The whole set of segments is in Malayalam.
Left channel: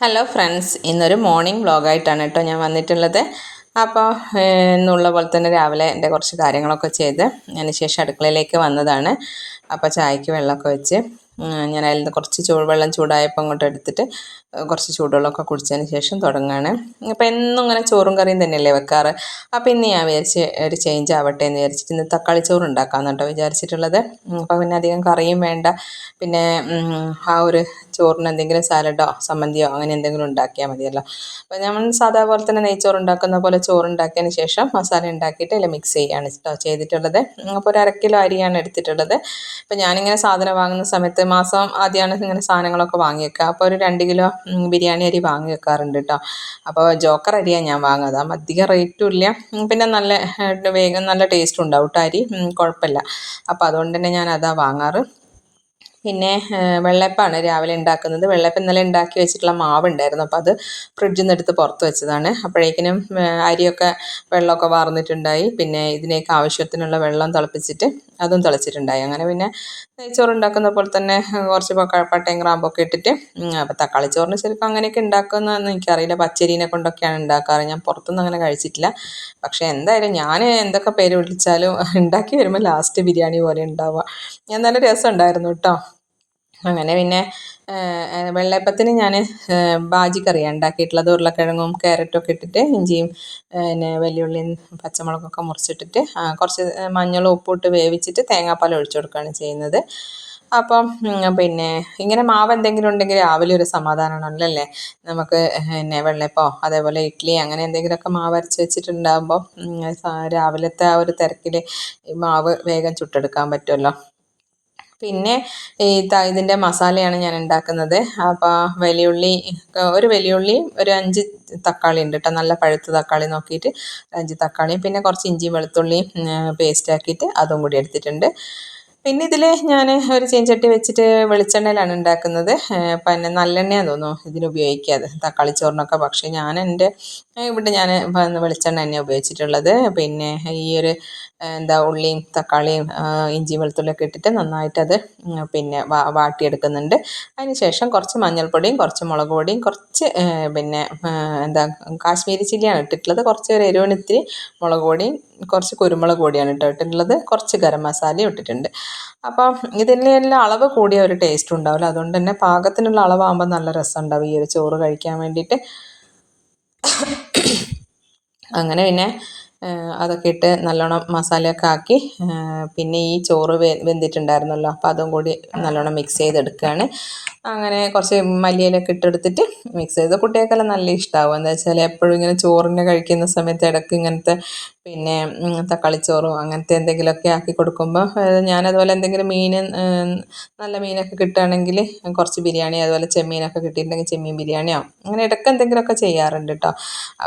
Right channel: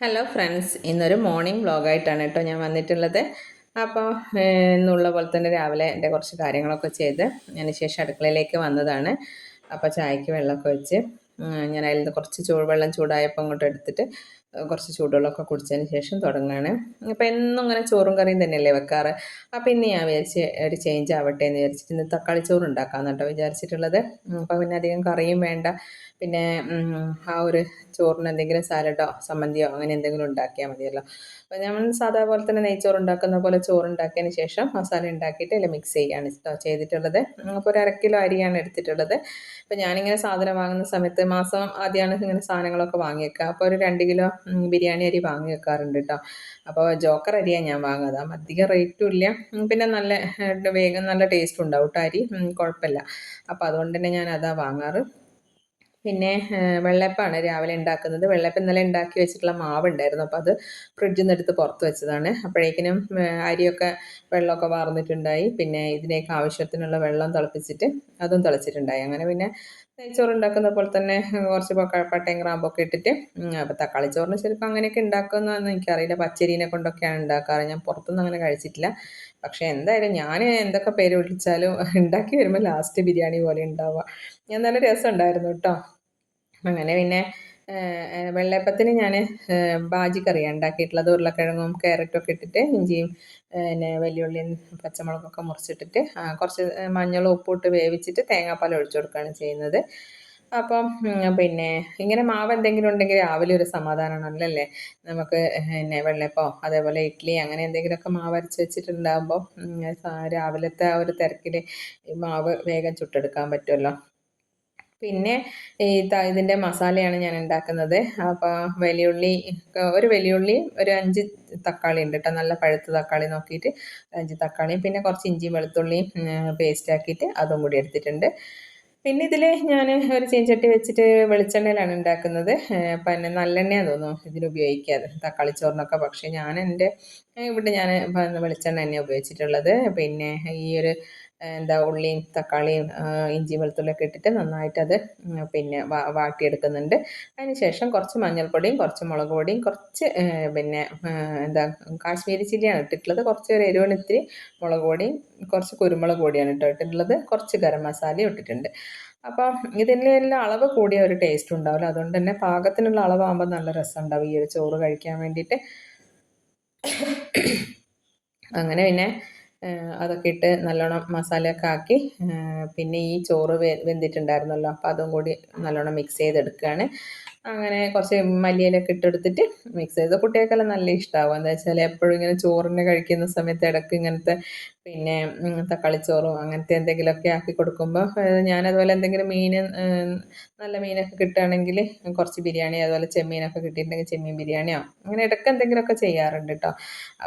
ഹലോ ഫ്രണ്ട്സ് ഇന്നൊരു മോർണിംഗ് വ്ളോഗായിട്ടാണ് കേട്ടോ ഞാൻ വന്നിട്ടുള്ളത്. അപ്പോൾ ഇന്നുള്ള പോലെ തന്നെ രാവിലെ എന്റെ കുറച്ച് കാര്യങ്ങളൊക്കെ ചെയ്ത് അതിനുശേഷം അടുക്കളയിലേക്ക് വന്നതാണ്. അപ്പോൾ ചായക്ക് വെള്ളമൊക്കെ വെച്ച് ഞാൻ അതിൽ നിന്ന് കുറച്ച് ചൂടുവെള്ളം ചൂടായപ്പോൾ അങ്ങോട്ട് എടുത്തിട്ട് കുറച്ച് ചൂടുവെള്ളമൊക്കെ കുടിച്ചതിന് ശേഷം തുടങ്ങുകയാണ് അപ്പോൾ എന്നും ഇങ്ങനെ ചോറും കറിയും തന്നെയല്ലേ വെക്കാറ്? അപ്പോൾ ഇന്ന് ഞാൻ വിചാരിച്ച് ഒരു ചേഞ്ച് ആവട്ടെ എന്ന് വിചാരിച്ചിട്ട് ഇന്ന് തക്കാളി ചോറ് ഉണ്ടാക്കാമെന്ന് കേട്ടോ വിചാരിച്ചിട്ടുള്ളത്. അപ്പോൾ പിന്നെ അധികം കറിയും വേണ്ട. പിന്നെ ആ ഒരു ചോറിന് എന്തെങ്കിലും സാലഡോ സമ്മന്തിയോ അങ്ങനെ എന്തെങ്കിലും ഉണ്ടാക്കിയാൽ മതിയല്ലോ. അപ്പോൾ നമ്മൾ സാധാ പോലെ തന്നെ നെയ്ച്ചോറ് ഉണ്ടാക്കുന്ന പോലെ ചോറ് ഉണ്ടാക്കിയതിന് ശേഷം മസാല ഉണ്ടാക്കിയിട്ട് അതിൽ മിക്സ് ചെയ്യുകയാണ് കേട്ടോ ചെയ്തിട്ടുള്ളത്. അപ്പോൾ ഒരു അരക്കിലോ കിലോ അരിയാണ് എടുത്തിട്ടുള്ളത്. അപ്പോൾ ഞാനിങ്ങനെ സാധനം വാങ്ങുന്ന സമയത്ത് മാസം ആദ്യമാണ് ഇങ്ങനെ സാധനങ്ങളൊക്കെ വാങ്ങിയേക്കുക. അപ്പോൾ ഒരു രണ്ട് കിലോ ബിരിയാണി അരി വാങ്ങി വെക്കാറുണ്ട് കേട്ടോ അപ്പോൾ ജോക്കർ അരിയാണ് ഞാൻ വാങ്ങുന്നത്. അപ്പം അധികം റേറ്റും ഇല്ല. പിന്നെ നല്ല വേഗം നല്ല ടേസ്റ്റും ഉണ്ടാവും കേട്ടോ അരി. കുഴപ്പമില്ല അപ്പോൾ അതുകൊണ്ട് തന്നെ ഞാൻ അതാ വാങ്ങാറ്. പിന്നെ വെള്ളയപ്പാണ് രാവിലെ ഉണ്ടാക്കുന്നത്. വെള്ളയപ്പം ഇന്നലെ ഉണ്ടാക്കി വെച്ചിട്ടുള്ള മാവ് ഉണ്ടായിരുന്നു അപ്പോൾ അത് ഫ്രിഡ്ജിൽ നിന്ന് എടുത്ത് പുറത്ത് വെച്ചതാണ്. അപ്പോഴേക്കിനും അരിയൊക്കെ വെള്ളമൊക്കെ വാർന്നിട്ടുണ്ടായി. പിന്നെ ഇതിനേക്ക് ആവശ്യത്തിനുള്ള വെള്ളം തിളപ്പിച്ചിട്ട് അതും തിളച്ചിട്ടുണ്ടായി. അങ്ങനെ പിന്നെ നെയ്ച്ചോറ് ഉണ്ടാക്കുന്ന പോലെ തന്നെ കുറച്ച് പട്ടയും ഗ്രാമ്പൊക്കെ ഇട്ടിട്ട് അപ്പോൾ തക്കാളി ചോറിന് ശരിക്കും അങ്ങനെയൊക്കെ ഉണ്ടാക്കുന്നതെന്ന് എനിക്കറിയില്ല. പച്ചരീനെ കൊണ്ടൊക്കെയാണ് ഉണ്ടാക്കാറ്. ഞാൻ പുറത്തുനിന്ന് അങ്ങനെ കഴിച്ചിട്ടില്ല. പക്ഷേ എന്തായാലും ഞാൻ എന്തൊക്കെ പേര് വിളിച്ചാലും ഉണ്ടാക്കി വരുമ്പോൾ ലാസ്റ്റ് ബിരിയാണി പോലെ ഉണ്ടാവുക. ഞാൻ രസം ഉണ്ടായിരുന്നു കേട്ടോ. അങ്ങനെ പിന്നെ വെള്ളയപ്പത്തിന് ഞാൻ ബാജി കറിയാണ് ഉണ്ടാക്കിയിട്ടുള്ളത്. ഉരുളക്കിഴങ്ങും ക്യാരറ്റൊക്കെ ഇട്ടിട്ട് ഇഞ്ചിയും പിന്നെ വലിയുള്ളിയും പച്ചമുളകൊക്കെ മുറിച്ചിട്ടിട്ട് കുറച്ച് മഞ്ഞളും ഉപ്പും ഇട്ട് വേവിച്ചിട്ട് തേങ്ങാപ്പാൽ ഒഴിച്ചു കൊടുക്കുകയാണ് ചെയ്യുന്നത്. അപ്പം പിന്നെ ഇങ്ങനെ മാവ് എന്തെങ്കിലും ഉണ്ടെങ്കിൽ രാവിലെ ഒരു സമാധാനമാണല്ലോ നമുക്ക് പിന്നെ വെള്ളയപ്പോ അതേപോലെ ഇഡ്ഡലി അങ്ങനെ എന്തെങ്കിലുമൊക്കെ മാവ് അരച്ച് വെച്ചിട്ടുണ്ടാകുമ്പോൾ രാവിലത്തെ ആ ഒരു തിരക്കിൽ മാവ് വേഗം ചുട്ടെടുക്കാൻ പറ്റുമല്ലോ. പിന്നെ ഈ ഇതിന്റെ മസാലയാണ് ഞാൻ ഉണ്ടാക്കുന്നത്. അപ്പോൾ വലിയുള്ളി ഒരു വലിയുള്ളി ഒരു അഞ്ച് തക്കാളി ഉണ്ട് കേട്ടോ നല്ല പഴുത്ത തക്കാളി നോക്കിയിട്ട് അഞ്ച് തക്കാളിയും പിന്നെ കുറച്ച് ഇഞ്ചിയും വെളുത്തുള്ളിയും പേസ്റ്റ് ആക്കിയിട്ട് അതും കൂടി എടുത്തിട്ടുണ്ട്. പിന്നെ ഇതിൽ ഞാൻ ഒരു ചീഞ്ചട്ടി വെച്ചിട്ട് വെളിച്ചെണ്ണയിലാണ് ഉണ്ടാക്കുന്നത്. പിന്നെ നല്ലെണ്ണയാന്ന് തോന്നുന്നു ഇതിന് ഉപയോഗിക്കാതെ. തക്കാളി ചോറിനൊക്കെ. പക്ഷേ ഞാൻ എന്റെ ഇവിടെ ഞാൻ വെളിച്ചെണ്ണ തന്നെയാണ് ഉപയോഗിച്ചിട്ടുള്ളത്. പിന്നെ ഈ ഒരു എന്താ ഉള്ളിയും തക്കാളിയും ഇഞ്ചി വെളുത്തുള്ളിയൊക്കെ ഇട്ടിട്ട് നന്നായിട്ടത് പിന്നെ വാട്ടിയെടുക്കുന്നുണ്ട്. അതിന് ശേഷം കുറച്ച് മഞ്ഞൾപ്പൊടിയും കുറച്ച് മുളക് പൊടിയും കുറച്ച് പിന്നെ എന്താ കാശ്മീരി ചില്ലിയാണ് ഇട്ടിട്ടുള്ളത്. കുറച്ച് ഒരു എരിവിന് മുളക് പൊടിയും കുറച്ച് കുരുമുളക് പൊടിയാണ് ഇട്ടിട്ടുള്ളത്. കുറച്ച് ഗരം മസാലയും ഇട്ടിട്ടുണ്ട്. അപ്പോൾ ഇതിലെല്ലാം അളവ് കൂടിയ ഒരു ടേസ്റ്റ് ഉണ്ടാവില്ല. അതുകൊണ്ട് തന്നെ പാകത്തിനുള്ള അളവാകുമ്പോൾ നല്ല രസമുണ്ടാവും ഈ ഒരു ചോറ് കഴിക്കാൻ വേണ്ടിയിട്ട്. അങ്ങനെ പിന്നെ അതൊക്കെ ഇട്ട് നല്ലോണം മസാലയൊക്കെ ആക്കി പിന്നെ ഈ ചോറ് വെന്തിട്ടുണ്ടായിരുന്നല്ലോ. അപ്പോൾ അതും കൂടി നല്ലോണം മിക്സ് ചെയ്തെടുക്കുകയാണ് അങ്ങനെ കുറച്ച് മല്ലിയിലൊക്കെ ഇട്ടെടുത്തിട്ട് മിക്സ് ചെയ്ത്. കുട്ടികൾക്കെല്ലാം നല്ല ഇഷ്ടമാവും എന്താ വെച്ചാൽ എപ്പോഴും ഇങ്ങനെ ചോറിനെ കഴിക്കുന്ന സമയത്ത് ഇടയ്ക്ക് ഇങ്ങനത്തെ പിന്നെ തക്കാളിച്ചോറും അങ്ങനത്തെ എന്തെങ്കിലുമൊക്കെ ആക്കി കൊടുക്കുമ്പോൾ ഞാനതുപോലെ എന്തെങ്കിലും മീൻ നല്ല മീനൊക്കെ കിട്ടുകയാണെങ്കിൽ കുറച്ച് ബിരിയാണി അതുപോലെ ചെമ്മീനൊക്കെ കിട്ടിയിട്ടുണ്ടെങ്കിൽ ചെമ്മീൻ ബിരിയാണിയോ അങ്ങനെ ഇടയ്ക്ക് എന്തെങ്കിലുമൊക്കെ ചെയ്യാറുണ്ട് കേട്ടോ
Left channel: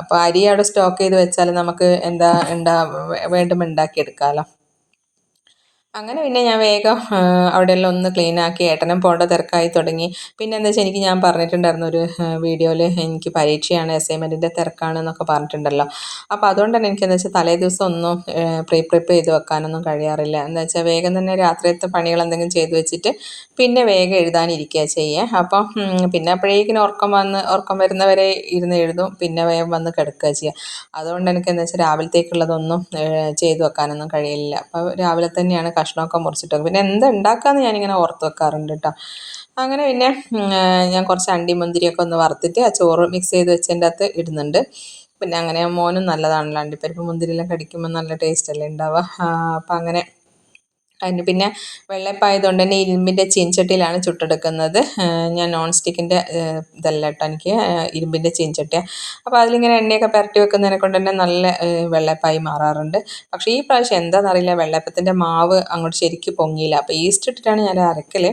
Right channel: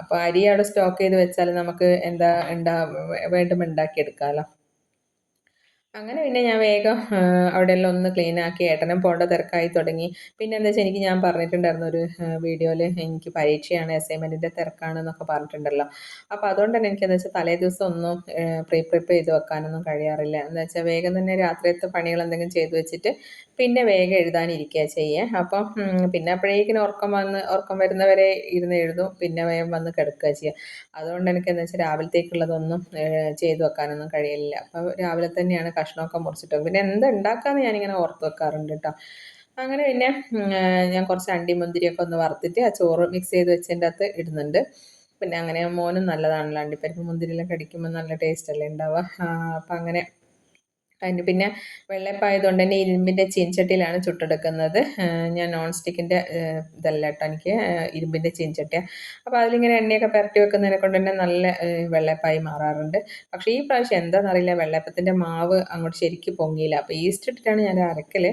അപ്പോൾ അരി അവിടെ സ്റ്റോക്ക് ചെയ്ത് വെച്ചാൽ നമുക്ക് എന്താ ഉണ്ടാ വേണ്ടുമ്പോൾ ഉണ്ടാക്കിയെടുക്കാമല്ലോ. അങ്ങനെ പിന്നെ ഞാൻ വേഗം അവിടെയെല്ലാം ഒന്ന് ക്ലീൻ ആക്കി ഏട്ടനും പോകേണ്ട തിരക്കായി തുടങ്ങി. പിന്നെ എന്താ വെച്ചാൽ എനിക്ക് ഞാൻ പറഞ്ഞിട്ടുണ്ടായിരുന്നു ഒരു വീഡിയോയിൽ എനിക്ക് പരീക്ഷയാണ് അസൈൻമെന്റിന്റെ തിരക്കാണ് എന്നൊക്കെ പറഞ്ഞിട്ടുണ്ടല്ലോ. അപ്പോൾ അതുകൊണ്ട് തന്നെ എനിക്ക് എന്താ വെച്ചാൽ തലേ ദിവസം ഒന്നും പ്രീ പ്രിപ്പ് ചെയ്ത് വെക്കാനൊന്നും കഴിയാറില്ല. എന്താ വെച്ചാൽ വേഗം തന്നെ രാത്രിയത്തെ പണികൾ എന്തെങ്കിലും ചെയ്ത് വെച്ചിട്ട് പിന്നെ വേഗം എഴുതാനിരിക്കുക ചെയ്യുക അപ്പം പിന്നെ അപ്പോഴേക്കിനും ഉറക്കം വന്ന് ഉറക്കം വരുന്നവരെ ഇരുന്ന് എഴുതും പിന്നെ വേഗം വന്ന് കിടക്കുക ചെയ്യുക അതുകൊണ്ട് എനിക്ക് എന്താ വെച്ചാൽ രാവിലത്തേക്കുള്ളതൊന്നും ചെയ്ത് വെക്കാനൊന്നും കഴിയില്ല അപ്പോൾ രാവിലെ തന്നെയാണ് കഷ്ണമൊക്കെ മുറിച്ചിട്ട് പിന്നെ എന്ത് ഉണ്ടാക്കാമെന്ന് ഞാനിങ്ങനെ ഓർത്ത് വെക്കാറുണ്ട് കേട്ടോ. അങ്ങനെ പിന്നെ ഞാൻ കുറച്ച് അണ്ടി മുന്തിരിയൊക്കെ ഒന്ന് വറുത്തിട്ട് ആ ചോറ് മിക്സ് ചെയ്ത് വെച്ചതിന്റെ അകത്ത് ഇടുന്നുണ്ട്. പിന്നെ അങ്ങനെ മോനും നല്ലതാണല്ലോ. അണ്ടിപ്പരിപ്പ് മുന്തിരിയെല്ലാം കടിക്കുമ്പോൾ നല്ല ടേസ്റ്റല്ലേ ഉണ്ടാവുക. അപ്പം അങ്ങനെ അതിന് പിന്നെ വെള്ളയപ്പായതുകൊണ്ട് തന്നെ ഇരുമ്പിന്റെ ചീൻചട്ടിയിലാണ് ചുട്ടെടുക്കുന്നത്. ഞാൻ നോൺ സ്റ്റിക്കിന്റെ ഇതല്ല കേട്ടോ എനിക്ക് ഇരുമ്പിന്റെ ചീൻചട്ടിയാണ് അപ്പോൾ അതിലിങ്ങനെ എണ്ണയൊക്കെ പുരട്ടി വെക്കുന്നതിനെ കൊണ്ട് തന്നെ നല്ല വെള്ളപ്പായി മാറാറുണ്ട്. പക്ഷേ ഈ പ്രാവശ്യം എന്താണെന്നറിയില്ല വെള്ളപ്പത്തിന്റെ മാവ് അങ്ങോട്ട് ശരിക്കും പൊങ്ങിയില്ല. അപ്പോൾ ഈസ്റ്റ് ഇട്ടിട്ടാണ് ഞാൻ അരക്കൽ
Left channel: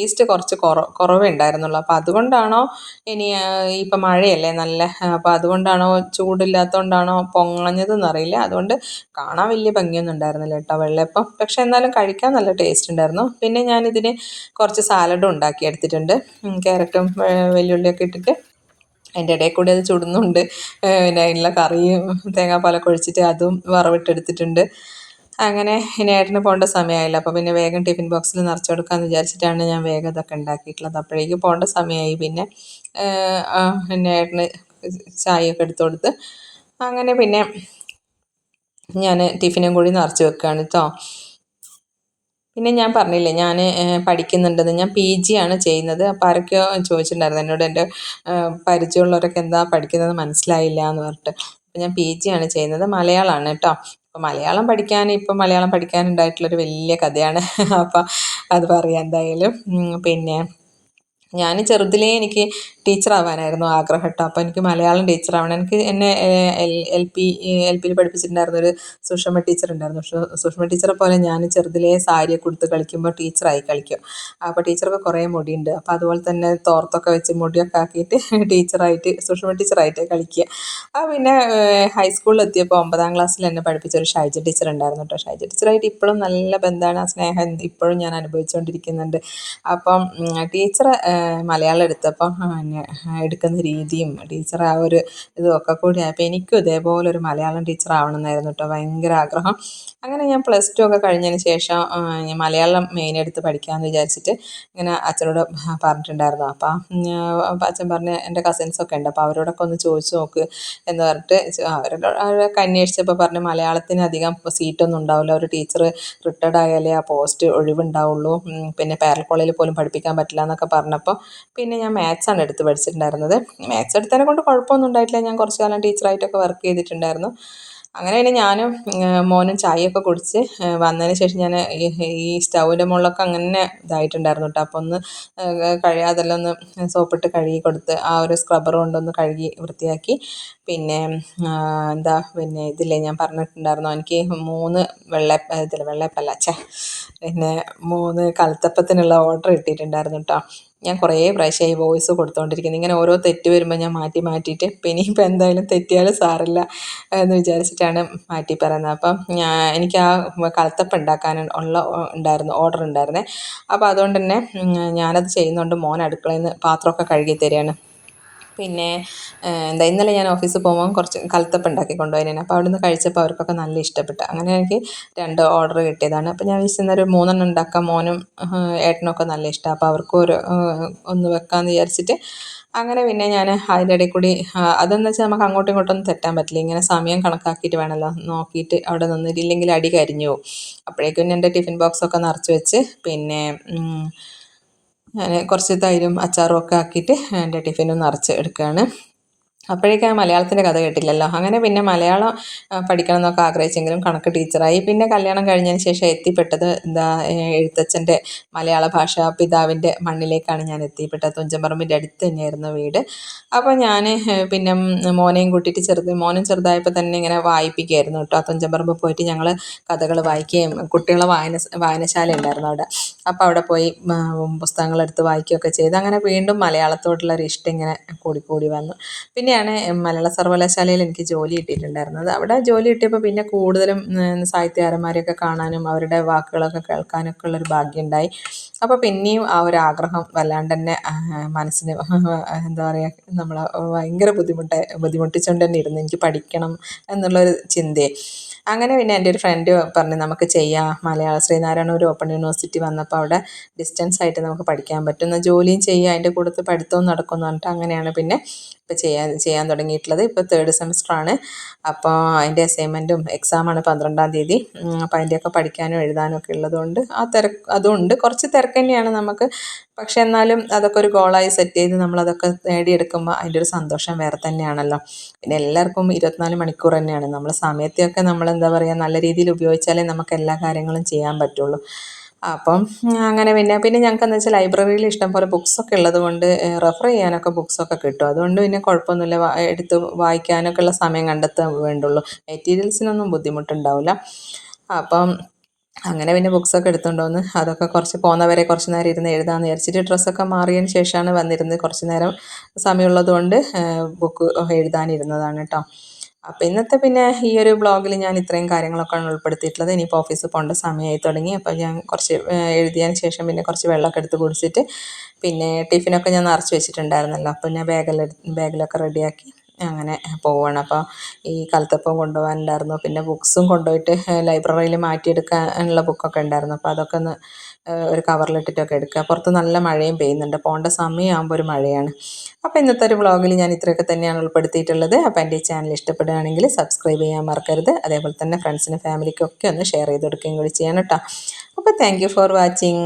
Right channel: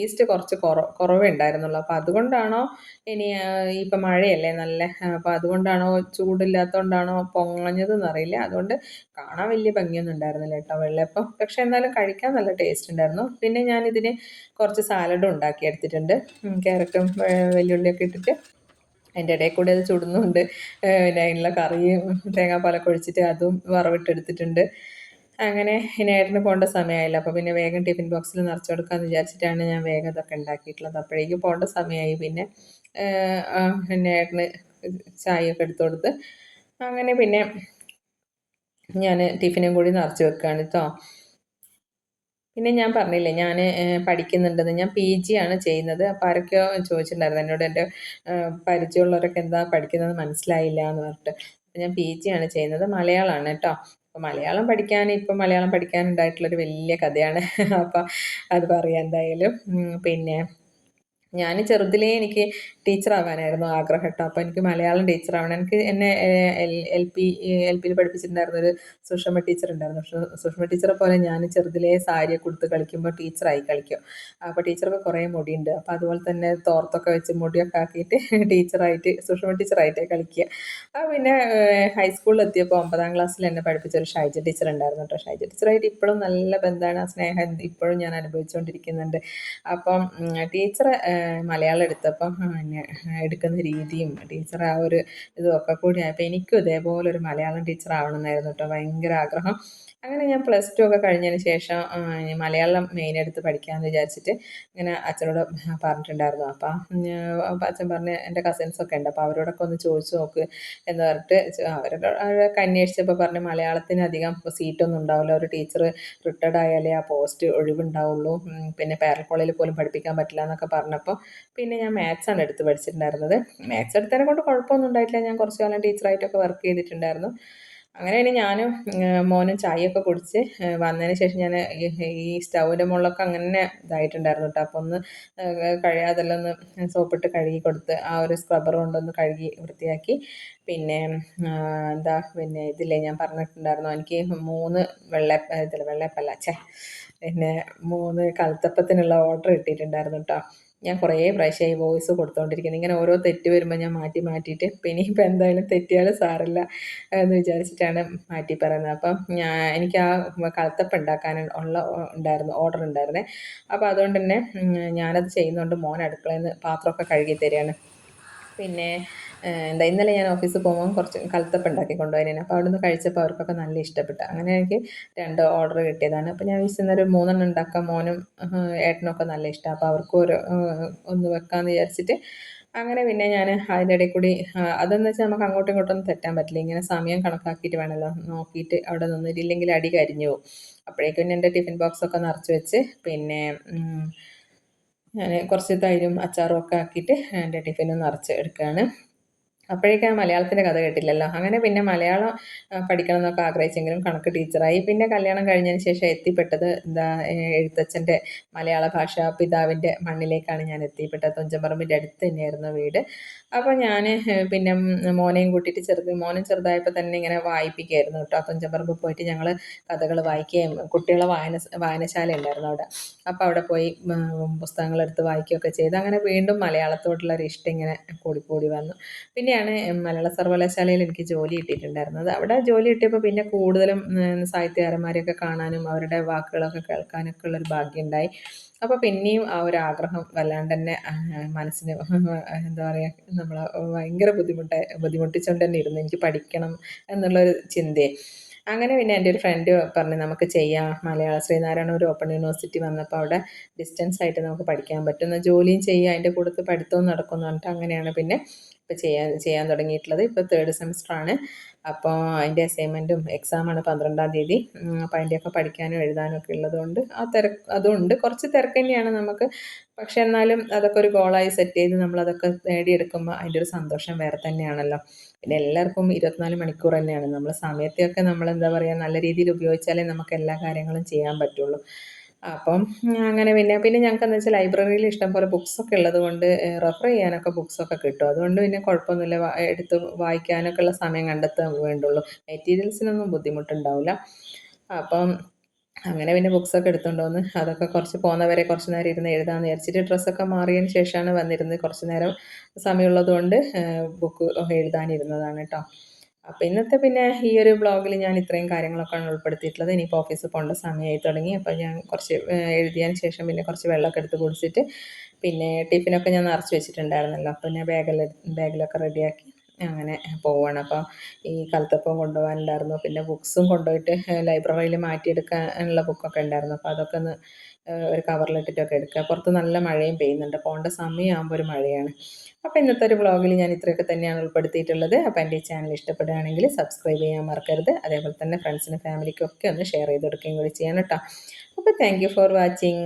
ഈസ്റ്റ് കുറച്ച് കുറവ് കുറവേ ഉണ്ടായിരുന്നുള്ളൂ. അപ്പോൾ അതുകൊണ്ടാണോ ഇനി ഇപ്പം മഴയല്ലേ നല്ല അപ്പോൾ അതുകൊണ്ടാണോ ചൂടില്ലാത്തതുകൊണ്ടാണോ പൊങ്ങഞ്ഞതെന്ന് അറിയില്ല. അതുകൊണ്ട് കാണാൻ വലിയ ഭംഗിയൊന്നും ഉണ്ടായിരുന്നില്ല കേട്ടോ വെള്ളയപ്പം. പക്ഷേ എന്നാലും കഴിക്കാൻ നല്ല ടേസ്റ്റ് ഉണ്ടായിരുന്നു. പിന്നെ ഞാനിതിന് കുറച്ച് സാലഡും ഉണ്ടാക്കി എടുത്തിട്ടുണ്ട്. ക്യാരറ്റും വെല്ലുള്ളിയൊക്കെ ഇട്ടിട്ട് അതിന്റെ ഇടയിൽ കൂടി അത് ചുടുന്നുണ്ട്. പിന്നെ അതിനുള്ള കറിയും തേങ്ങാപ്പാലൊക്കെ ഒഴിച്ചിട്ട് അതും വറവിട്ടെടുത്തിട്ടുണ്ട്. അങ്ങനെ ഇനി ഏട്ടന് പോകേണ്ട സമയമായില്ല. അപ്പോൾ പിന്നെ വേഗം ടിഫിൻ ബോക്സിൽ നിറച്ച് കൊടുക്കാമെന്ന് വിചാരിച്ചിട്ടാണ് ഞാൻ വേഗം ഇതൊക്കെ ഉണ്ടാക്കിയിട്ടുള്ളത്. അപ്പോഴേക്കും പോകേണ്ട സമയമായി. പിന്നെ പിന്നെ ഏട്ടന് ചായയൊക്കെ എടുത്തു കൊടുത്ത് അങ്ങനെ പിന്നെ ഞാൻ ടിഫിനും കൂടി നിറച്ച് വെക്കുകയാണ് കേട്ടോ പിന്നെ ഞാൻ പറഞ്ഞില്ലേ ഞാൻ പഠിക്കുന്നുണ്ടെന്ന്. ഞാൻ പി ജി ആണ് ചെയ്യുന്നത്. അപ്പോൾ ആരൊക്കെയോ ചോദിച്ചിട്ടുണ്ടായിരുന്നു എന്നോട് എന്റെ പരിചയമുള്ളവരൊക്കെ എന്താ പഠിക്കുന്നത് മനസ്സിലായില്ല എന്ന് പറഞ്ഞിട്ട്. അപ്പോൾ ഞാൻ പി ജി ആണ് ചെയ്യുന്നത്. മലയാളമാണ് കേട്ടോ അപ്പോൾ മലയാളം പഠിക്കാൻ ഇപ്പം മലയാളം പഠിക്കാനുണ്ടായിട്ടുള്ളൊരു വലിയ കഥയാണ്. അപ്പോൾ അത് പറയാം എന്തായാലും. പിന്നെ ഞാൻ ചെറുതിലേ എനിക്ക് ടീച്ചർ ആവാനായിരുന്നു ആഗ്രഹം കേട്ടോ അപ്പോൾ എനിക്ക് മലയാളം ടീച്ചർ ആവണം എനിക്ക് എന്നെ എൽ എൽ പി എൽ പിയിൽ പഠിപ്പിച്ചിട്ടുണ്ടായിരുന്ന ഒരു സുഷമ ടീച്ചർ ഉണ്ടായിരുന്നു സുഷമ ടീച്ചറെ പോലെ ഞാൻ ചെറുതിലേ സാരിയൊക്കെ കൊടുത്ത് കളിക്കുമ്പോൾ ടീച്ചറായി കളിക്കും. അപ്പോൾ ടീച്ചർക്ക് കുറേ മുടിയുണ്ട്. അപ്പോൾ അതുപോലെ തന്നെ തോർത്തൊക്കെ വെച്ച് മുടിയൊക്കെ ആക്കിയിട്ട് ടീച്ചറായിട്ട് സുഷമ ടീച്ചറായിട്ട് കളിക്കുക ആ പിന്നെ ഹൈസ്കൂളിൽ എത്തിയപ്പോൾ ഒമ്പതാം ക്ലാസ്സിൽ എന്നെ പഠിപ്പിച്ച ഒരു ഷൈജ ടീച്ചർ ഉണ്ടായിരുന്നു കേട്ടോ ഷൈജ ടീച്ചറായിട്ട് ഇപ്പോഴും നല്ല ബന്ധമാണ് ആ സ്നേഹം ഇപ്പോഴും ഞാൻ അനുഭവിച്ചുകൊണ്ടിരിക്കുന്നുണ്ട് അപ്പം ടീച്ചർ മലയാളം എടുത്തപ്പം പിന്നെ എടുക്കുന്ന രീതിയും ടീച്ചർ ആ ഒരു ഇതും ഒക്കെ കൂടി ആയപ്പോൾ എനിക്കും ഇതേപോലെ ഒരു മലയാളം ടീച്ചർ ആവണമെന്നായിരുന്നു കേട്ടോ ഭയങ്കര ആഗ്രഹം. അങ്ങനെ ഞാൻ പ്ലസ് ടു ഒക്കെ കഴിഞ്ഞതിന് ശേഷം മലയാളം മെയിൻ എടുത്ത് പഠിക്കാമെന്ന് വിചാരിച്ചിട്ട് ഇങ്ങനെ അച്ഛനോട് പറഞ്ഞിട്ടുണ്ടായിരുന്നു. അപ്പം അച്ഛൻ പറഞ്ഞ എന്റെ കസിൻസൊക്കെ ഉണ്ട് അപ്പോൾ അവരോടൊക്കെ ഒന്ന് ചോദിച്ചു നോക്ക് എന്ന് പറഞ്ഞിട്ട് അവരുടെ അവരൊക്കെ അന്വേഷിച്ചപ്പോൾ പറഞ്ഞു മലയാളത്തിന് അധികം സീറ്റൊന്നും ഉണ്ടാവില്ല. ഒരു ടീച്ചർ റിട്ടയർഡ് ആയാലേ ആ പോസ്റ്റ് ഒഴിവുണ്ടാവുള്ളൂ. പിന്നെ പാരൽ കോളേജിൽ പോലും പഠിപ്പിക്കാൻ പറ്റില്ല എന്നൊക്കെ പറഞ്ഞപ്പോൾ പിന്നെ ഞാൻ മാത്സാണ് എടുത്ത് പഠിച്ചിട്ടുണ്ടായിരുന്നത്. മാത്സ് എടുത്തതിനെ കൊണ്ട് കുഴപ്പമൊന്നും ഉണ്ടായിട്ടില്ല. ഞാൻ കുറച്ച് കാലം ടീച്ചറായിട്ടൊക്കെ വർക്ക് ചെയ്തിട്ടുണ്ടായിരുന്നു. അങ്ങനെ പിന്നെ ഞാനും മോനും ചായയൊക്കെ കുടിച്ച് വന്നതിന് ശേഷം ഞാൻ ഈ സ്റ്റൗവിന്റെ മുകളിലൊക്കെ അങ്ങനെ ഇതായിട്ടുണ്ടായിരുന്നു കേട്ടോ. അപ്പോൾ ഒന്ന് കഴിയാതെല്ലാം ഒന്ന് സോപ്പിട്ട് കഴുകി കൊടുത്ത് ആ ഒരു സ്ക്രബ്ബർ കൊണ്ടൊന്ന് കഴുകി വൃത്തിയാക്കി. പിന്നെ എന്താ പിന്നെ ഇതില്ലേ ഞാൻ പറഞ്ഞിട്ടുണ്ടായിരുന്നു. എനിക്ക് മൂന്ന് വെള്ള ഇതിൽ വെള്ളയപ്പല്ല ഛേ പിന്നെ മൂന്ന് കലത്തപ്പത്തിനുള്ള ഓർഡർ കിട്ടിയിട്ടുണ്ടായിരുന്നു കേട്ടോ. ഞാൻ കുറേ പ്രാവശ്യമായി വോയിസ് കൊടുത്തുകൊണ്ടിരിക്കുന്നത് ഇങ്ങനെ ഓരോ തെറ്റ് വരുമ്പോൾ ഞാൻ മാറ്റി മാറ്റിയിട്ട് ഇപ്പം ഇനിയിപ്പോൾ എന്തായാലും തെറ്റിയാലും സാറില്ല എന്ന് വിചാരിച്ചിട്ടാണ് മാറ്റി പറയുന്നത്. അപ്പം ഞാൻ എനിക്ക് ആ കലത്തപ്പം ഉണ്ടാക്കാൻ ഉള്ള ഉണ്ടായിരുന്നു ഓർഡർ ഉണ്ടായിരുന്നേ. അപ്പോൾ അതുകൊണ്ട് തന്നെ ഞാനത് ചെയ്യുന്നതുകൊണ്ട് മോൻ അടുക്കളയിൽ നിന്ന് പാത്രമൊക്കെ കഴുകി തരികയാണ്. പിന്നെ എന്താ ഇന്നലെ ഞാൻ ഓഫീസിൽ പോകുമ്പോൾ കുറച്ച് കലത്തപ്പം ഉണ്ടാക്കി കൊണ്ടുപോയതിനാണ്. അപ്പോൾ അവിടുന്ന് കഴിച്ചപ്പോൾ അവർക്കൊക്കെ നല്ല ഇഷ്ടപ്പെട്ടു. അങ്ങനെ എനിക്ക് രണ്ട് ഓർഡർ കിട്ടിയതാണ്. അപ്പോൾ ഞാൻ വിശന്നൊരു മൂന്നെണ്ണം ഉണ്ടാക്കാം. മോനും ഏട്ടനൊക്കെ നല്ല ഇഷ്ടമാണ്. അപ്പോൾ അവർക്കും ഒരു ഒന്ന് വെക്കാമെന്ന് വിചാരിച്ചിട്ട് അങ്ങനെ പിന്നെ ഞാൻ അതിന്റെ ഇടയിൽ കൂടി അതെന്ന് വെച്ചാൽ നമുക്ക് അങ്ങോട്ടും ഇങ്ങോട്ടൊന്നും തെറ്റാൻ പറ്റില്ല. ഇങ്ങനെ സമയം കണക്കാക്കിയിട്ട് വേണമല്ലോ. നോക്കിയിട്ട് അവിടെ നിന്നിട്ടില്ലെങ്കിൽ അടി കരിഞ്ഞു പോകും. അപ്പോഴേക്കും എന്റെ ടിഫിൻ ബോക്സൊക്കെ നിറച്ച് വെച്ച് പിന്നെ ഞാൻ കുറച്ച് തൈരും അച്ചാറും ഒക്കെ ആക്കിയിട്ട് എന്റെ ടിഫിനും നിറച്ച് എടുക്കുകയാണ് അപ്പോഴേക്കും മലയാളത്തിന്റെ കഥ കേട്ടില്ലല്ലോ. അങ്ങനെ പിന്നെ മലയാളം പഠിക്കണം എന്നൊക്കെ ആഗ്രഹിച്ചെങ്കിലും കണക്ക് ടീച്ചറായി. പിന്നെ കല്യാണം കഴിഞ്ഞതിന് ശേഷം എത്തിപ്പെട്ടത് എന്താ എഴുത്തച്ഛന്റെ മലയാള ഭാഷ പിതാവിന്റെ മണ്ണിലേക്കാണ് ഞാൻ എത്തിപ്പെട്ടത്. തുഞ്ചമ്പറമ്പിന്റെ അടുത്ത് തന്നെയായിരുന്നു വീട്. അപ്പോൾ ഞാൻ പിന്നെ മോനെയും കൂട്ടിയിട്ട് ചെറുത് മോനും ചെറുതായപ്പോൾ തന്നെ ഇങ്ങനെ വായിപ്പിക്കുമായിരുന്നു കേട്ടോ. തുഞ്ചമ്പറമ്പ് പോയിട്ട് ഞങ്ങൾ കഥകൾ വായിക്കുകയും കുട്ടികളെ വായന വായനശാല ഉണ്ടായിരുന്നു അവിടെ. അപ്പോൾ അവിടെ പോയി പുസ്തകങ്ങളെടുത്ത് വായിക്കുകയൊക്കെ ചെയ്ത്. അങ്ങനെ വീണ്ടും മലയാളത്തോടുള്ള ഒരു ഇഷ്ടം ഇങ്ങനെ കൂടിക്കൂടി കൂടി വന്നു. പിന്നെ അങ്ങനെയാണ് മലയാള സർവകലാശാലയിൽ എനിക്ക് ജോലി കിട്ടിയിട്ടുണ്ടായിരുന്നത്. അവിടെ ജോലി കിട്ടിയപ്പോൾ പിന്നെ കൂടുതലും സാഹിത്യകാരന്മാരെയൊക്കെ കാണാനും അവരുടെ വാക്കുകളൊക്കെ കേൾക്കാനൊക്കെ ഉള്ളൊരു ഭാഗ്യം ഉണ്ടായി അപ്പോൾ പിന്നെയും ആ ഒരു ആഗ്രഹം വല്ലാണ്ട് തന്നെ മനസ്സിന് എന്താ പറയുക നമ്മളെ ഭയങ്കര ബുദ്ധിമുട്ടായി ബുദ്ധിമുട്ടിച്ചുകൊണ്ട് തന്നെ ഇരുന്നു. എനിക്ക് പഠിക്കണം എന്നുള്ളൊരു ചിന്തയെ. അങ്ങനെ പിന്നെ എന്റെ ഒരു ഫ്രണ്ട് പറഞ്ഞു നമുക്ക് ചെയ്യാം. മലയാള ശ്രീനാരായണ ഒരു ഓപ്പൺ യൂണിവേഴ്സിറ്റി വന്നപ്പോൾ അവിടെ ഡിസ്റ്റൻസ് ആയിട്ട് നമുക്ക് പഠിക്കാൻ പറ്റുന്ന ജോലിയും ചെയ്യാം അതിന്റെ കൂട്ടത്തിൽ പഠിത്തവും നടക്കുമെന്ന് പറഞ്ഞിട്ട് അങ്ങനെയാണ് പിന്നെ ഇപ്പോൾ ചെയ്യാൻ ചെയ്യാൻ തുടങ്ങിയിട്ടുള്ളത്. ഇപ്പോൾ തേർഡ് സെമസ്റ്ററാണ് അപ്പോൾ അതിന്റെ അസൈൻമെന്റും എക്സാമാണ് പന്ത്രണ്ടാം തീയതി. അപ്പോൾ അതിന്റെയൊക്കെ പഠിക്കാനും എഴുതാനും ഒക്കെ ഉള്ളതുകൊണ്ട് ആ തിരക്ക് അതുകൊണ്ട് കുറച്ച് തിരക്ക് തന്നെയാണ് നമുക്ക് പക്ഷേ എന്നാലും അതൊക്കെ ഒരു ഗോളായി സെറ്റ് ചെയ്ത് നമ്മൾ നമ്മളതൊക്കെ നേടിയെടുക്കുമ്പോൾ അതിന്റെ ഒരു സന്തോഷം വേറെ തന്നെയാണല്ലോ. പിന്നെ എല്ലാവർക്കും ഇരുപത്തിനാല് മണിക്കൂർ തന്നെയാണ്. നമ്മൾ സമയത്തെയൊക്കെ നമ്മൾ എന്താ പറയുക നല്ല രീതിയിൽ ഉപയോഗിച്ചാലേ നമുക്ക് എല്ലാ കാര്യങ്ങളും ചെയ്യാൻ പറ്റുള്ളൂ. അപ്പം അങ്ങനെ പിന്നെ പിന്നെ ഞങ്ങൾക്ക് വെച്ചാൽ ലൈബ്രറിയിൽ ഇഷ്ടം പോലെ ബുക്സൊക്കെ ഉള്ളത് കൊണ്ട് റെഫർ ചെയ്യാനൊക്കെ ബുക്സൊക്കെ കിട്ടും. അതുകൊണ്ട് പിന്നെ കുഴപ്പമൊന്നുമില്ല. എടുത്ത് വായിക്കാനൊക്കെ ഉള്ള സമയം കണ്ടെത്താൻ വേണ്ടുള്ളൂ. മെറ്റീരിയൽസിനൊന്നും ബുദ്ധിമുട്ടുണ്ടാവില്ല അപ്പം അങ്ങനെ പിന്നെ ബുക്സൊക്കെ എടുത്തുകൊണ്ട് വന്ന് അതൊക്കെ കുറച്ച് പോകുന്നവരെ കുറച്ച് നേരം ഇരുന്ന് എഴുതാമെന്ന് വിചാരിച്ചിട്ട് ഡ്രസ്സൊക്കെ മാറിയതിന് ശേഷമാണ് വന്നിരുന്നത് കുറച്ച് നേരം സമയമുള്ളതുകൊണ്ട് ബുക്ക് എഴുതാനിരുന്നതാണ് കേട്ടോ അപ്പോൾ ഇന്നത്തെ പിന്നെ ഈ ഒരു ബ്ലോഗിൽ ഞാൻ ഇത്രയും കാര്യങ്ങളൊക്കെയാണ് ഉൾപ്പെടുത്തിയിട്ടുള്ളത്. ഇനിയിപ്പോൾ ഓഫീസിൽ പോകേണ്ട സമയമായി തുടങ്ങി. അപ്പോൾ ഞാൻ കുറച്ച് എഴുതിയതിന് ശേഷം പിന്നെ കുറച്ച് വെള്ളമൊക്കെ എടുത്ത് കുടിച്ചിട്ട് പിന്നെ ടിഫിനൊക്കെ ഞാൻ നിറച്ച് വെച്ചിട്ടുണ്ടായിരുന്നല്ലോ. അപ്പോൾ ഞാൻ ബാഗിൽ ബാഗിലൊക്കെ റെഡിയാക്കി അങ്ങനെ പോവുകയാണ് അപ്പോൾ ഈ കലത്തപ്പം കൊണ്ടുപോകാനുണ്ടായിരുന്നു. പിന്നെ ബുക്സും കൊണ്ടുപോയിട്ട് ലൈബ്രറിയിൽ മാറ്റിയെടുക്കാനുള്ള ബുക്കൊക്കെ ഉണ്ടായിരുന്നു. അപ്പോൾ അതൊക്കെ ഒന്ന് ഒരു കവറിലിട്ടിട്ടൊക്കെ എടുക്കുക. പുറത്ത് നല്ല മഴയും പെയ്യുന്നുണ്ട്. പോകേണ്ട സമയമാകുമ്പോൾ ഒരു മഴയാണ്. അപ്പോൾ ഇന്നത്തെ ഒരു വ്ളോഗിൽ ഞാൻ ഇത്രയൊക്കെ തന്നെയാണ് ഉൾപ്പെടുത്തിയിട്ടുള്ളത്. അപ്പോൾ എന്റെ ഈ ചാനൽ ഇഷ്ടപ്പെടുകയാണെങ്കിൽ സബ്സ്ക്രൈബ് ചെയ്യാൻ മറക്കരുത്. അതേപോലെ തന്നെ ഫ്രണ്ട്സിനും ഫാമിലിക്കൊക്കെ ഒന്ന് ഷെയർ ചെയ്ത് കൊടുക്കുകയും കൂടി ചെയ്യണം കേട്ടോ. അപ്പോൾ താങ്ക് ഫോർ വാച്ചിങ്.